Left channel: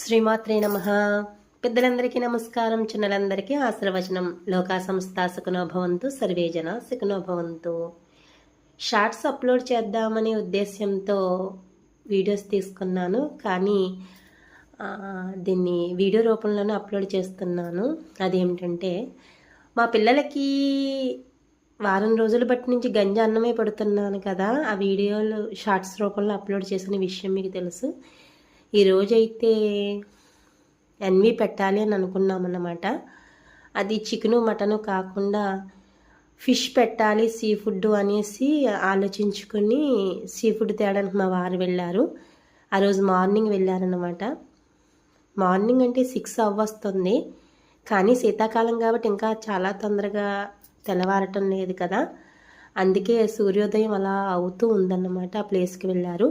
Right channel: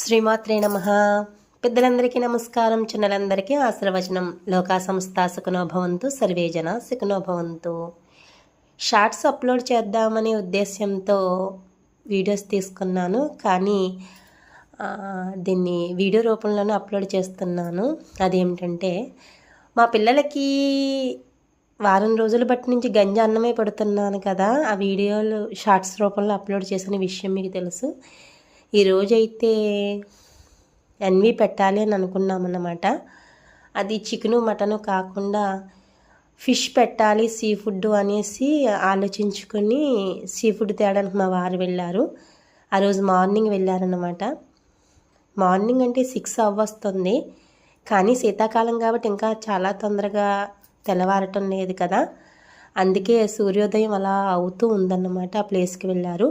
శ్రీమాత్రే నమ. పెద్దలందరికీ నమస్కారం చిన్నలందరికీ ఆశీర్వచనం. లోకా సంస్థ సుఖనోభవంతు సర్వేజన సుఖనోభవంతు షార్ట్స్ అప్లోడ్ చేద్దామనే ఉద్దేశ్యంతో వీడియోస్ తీసుకున్నాను కానీ దీన్ని వీడియో రూపంలోనే అప్లోడ్ చేస్తున్నాను. అదేమిటంటే మా పిల్లలకి వారం రోజుల బట్టి నుంచి గంజి అన్నమే పడుతున్నాను కదా. ఆ వీడియోలు షార్ట్స్ రూపంలో అప్లోడ్ చేసిన విషయం మీకు తెలుసు. ఈరోజైతే ఎన్వి పెట్టాలి అని అనుకున్నామన్నమాట. అది చికెను మటను కాకుండా ఫిష్ పెట్టాలి సీ ఫుడ్ అనేసి ఆలోచించుకొని సీ ఫుడ్ తేడానికి మా వారు వెళ్ళారు. ఆ రోజు మార్నింగ్ వెళ్ళారనమాట మార్నింగ్ అంటే సిక్స్ అవ్వస్తుంది. కానీ శీతాకాలం కాబట్టి ఇంకా చాలా తొందరగా తెల్లవారటం లేదు కదా. అందుకే సూర్యోదయం అలా అవుతూ ఉందన్నమాట ఆ ప్లేస్కి వెళ్ళారు.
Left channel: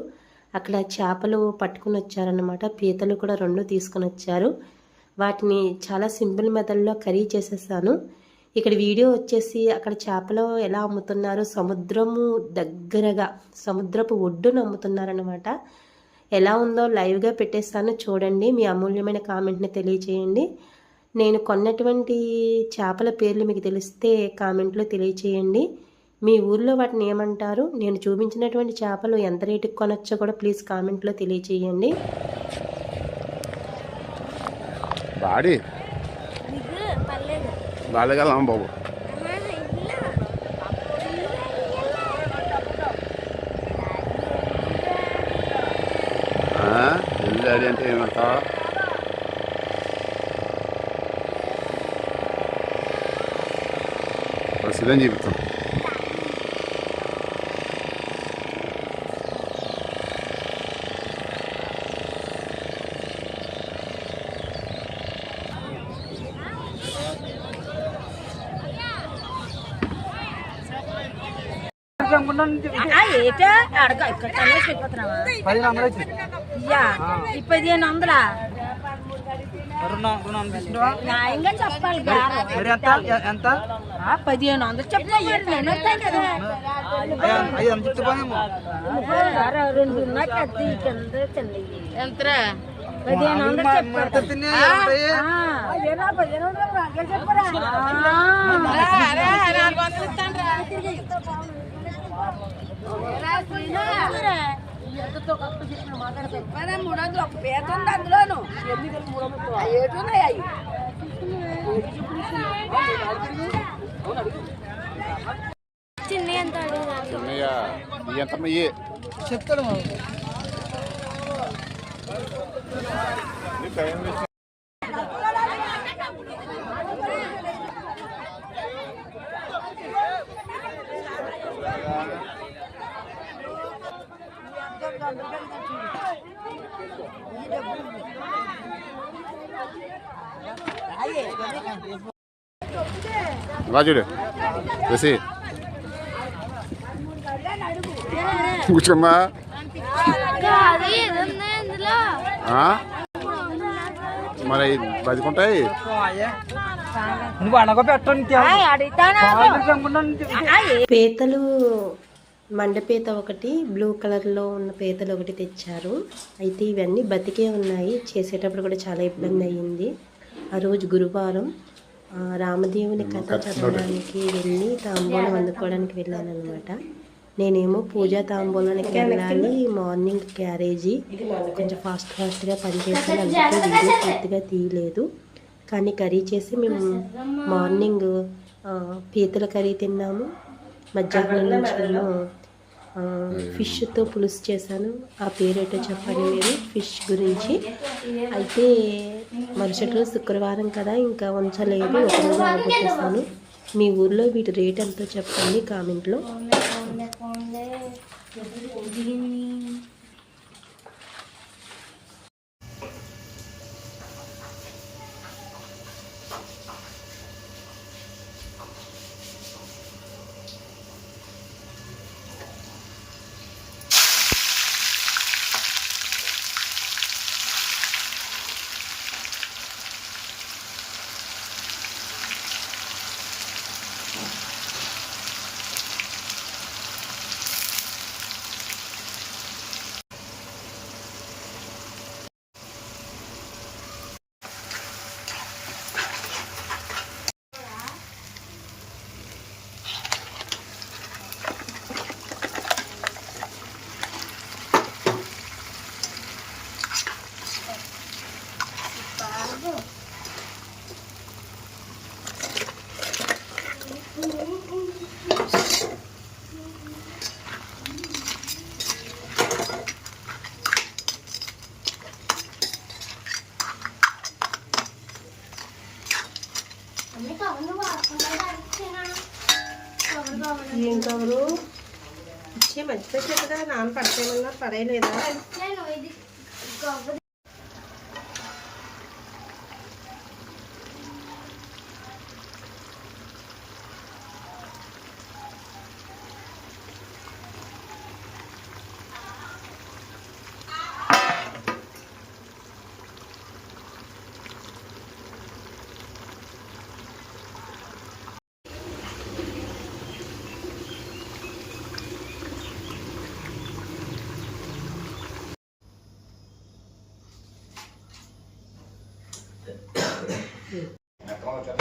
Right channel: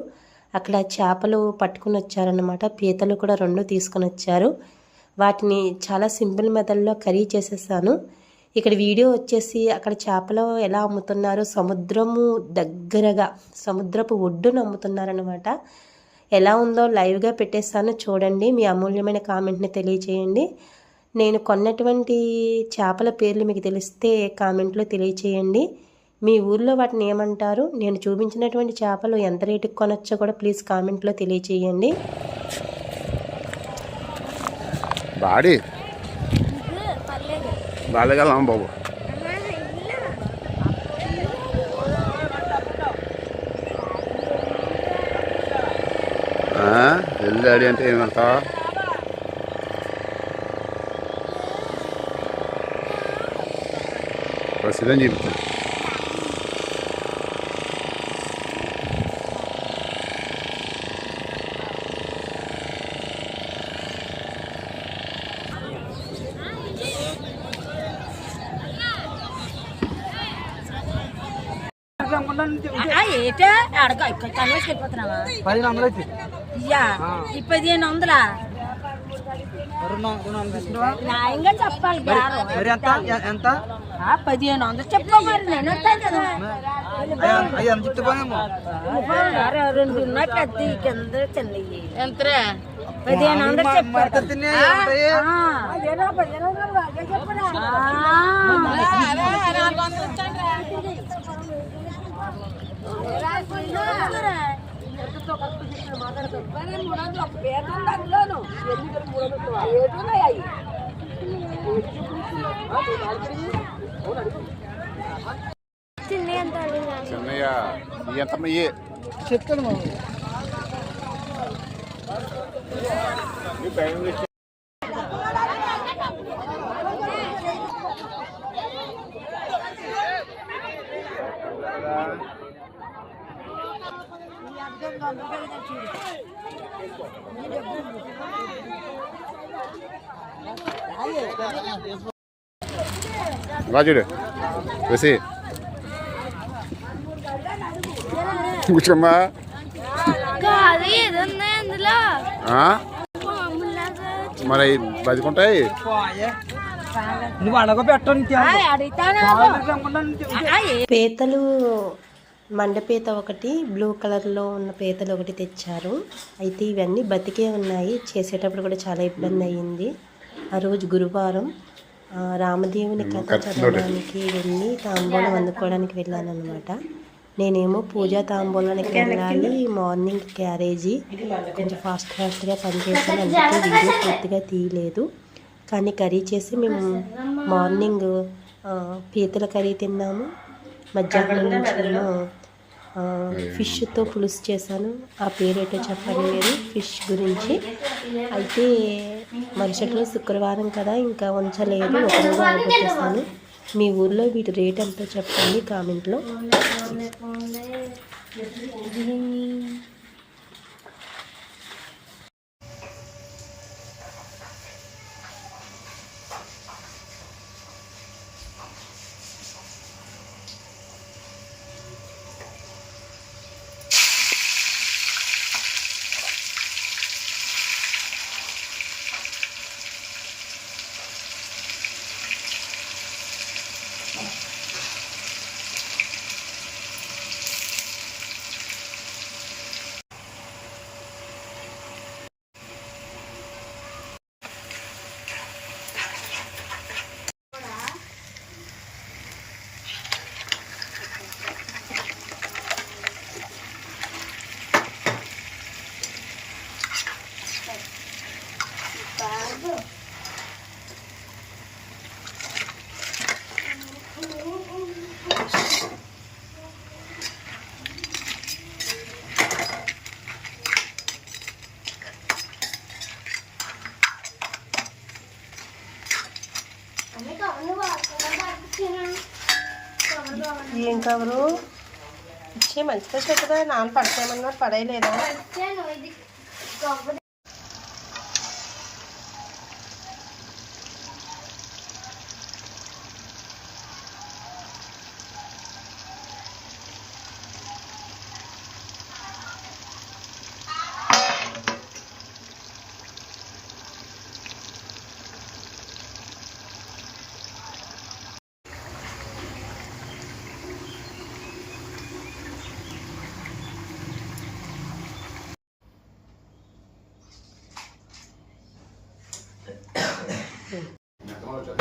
అక్కడ చేపలు పట్టుకుని వచ్చారనమాట పీతలు కూడా రెండు తీసుకుని వచ్చారు. వాటిని చాలా సింపుల్ మెథడ్లో కర్రీ చేసేసాను. ఇక్కడ వీడియో వచ్చేసి అక్కడ చేపలు ఎలా అమ్ముతున్నారు సముద్రము దగ్గరగా సముద్రపు ఒడ్డున అమ్ముతున్నారనమాట ఎలా ఉందో లైవ్గా పెట్టేస్తాను. చూడండి మీ అమూల్యమైన కామెంట్ని తెలియచేయండి. నేను కొన్నటువంటి చేపల పేర్లు మీకు తెలిస్తే కామెంట్లో తెలియచేయండి. మీ ఊర్లో వాటిని ఏమంటారు? నేను చూపించినటువంటి చేపలు ఎంత రేటుకి కొనొచ్చో కూడా ప్లీజ్ కామెంట్లో తెలియచేయండి. బాడీ. బాలేగలం బాబు. వెళ్ళాలి అంటే ఏమంటావు? ప్రసిద్ధం చెప్తాను ఏటే? అడగ ఇక్కడ కన్నేసి వెళ్ళిపోతున్నావా? పదిహేను వందలు వచ్చి ఇయ్యా ఈ పదిహేను వందలా? రుణం రుణం తీసుకున్నావా న్యాయంగా చెప్పాలి బేరం. మరి ఎంత? ఎ- ఎంత? ఆ, పదిహేను వందలు చెప్పా మరి నేను వస్తాను కదా. అయ్యా అయ్యా ఎంత చెప్తానేమో అరే, రెండు ఉన్నాయి పెద్ద ఈ కింద చిన్నవి ఎంతరా? పదిహేను వందలు చెప్పారు పదిహేను వందలు చెప్పరా మూడు వందలు ఒక పేద ఉంది అందులోను ఎందుకు మూడు వందలు ఏటు ఉన్నాయి అవి చిన్నయ్య ఎంతమ్మ ఇయ్యే చెప్తాను రాజుడు వేసి. కూర్చోమ్మా? మరి బతుకుంటాయి? నువ్వు అనగా పెట్టు పీతలు మండపీత ఒకటి బ్లూ కలర్లో ఉన్న పీతలు ఒకటి తెచ్చారు. అయితే ఇవన్నీ బతికే ఉన్నాయి. చేసేటప్పుడు కూడా చాలా ఇబ్బంది అయ్యింది. ఆ రోజు గురువారం రామదేవుని కథ చదవడానికి వెళ్ళి తాంబూలం అందుకోవడానికి వెళ్ళాను అనమాట నేనేమో పూజా తాంబూలానికి వెళ్ళాలి మార్నింగ్ క్యారేజీ. కొంచెం ఫాస్ట్ ఫాస్ట్గా పనిచేసాను అందుకే వీడియో పూర్తిగా తీయలేదు. కానీ కర్రీ చేసి మేము మార్నింగ్ పీతల కర్రీ తిన్నాము. మధ్యాహ్నం నుంచి ఫిష్తో పులుసు చేశాను. ఆ పేరు అయితే చెప్పలేదు. ఫిష్ గురించి. అయితే మరుసటి రోజు శుక్రవారం కదా ఇంకా ఉంచలేదు ఒకరోజు ఆగిపోతేసాను మీ ఊర్లో వీటి రేట్ ఎంతో చెప్పండి కామెంట్లో. ఏం కవరు ఇచ్చే మంచిదే చెప్పదా నాన్న పడతామన్నారు పడేయలేదా? Me acabo de echar.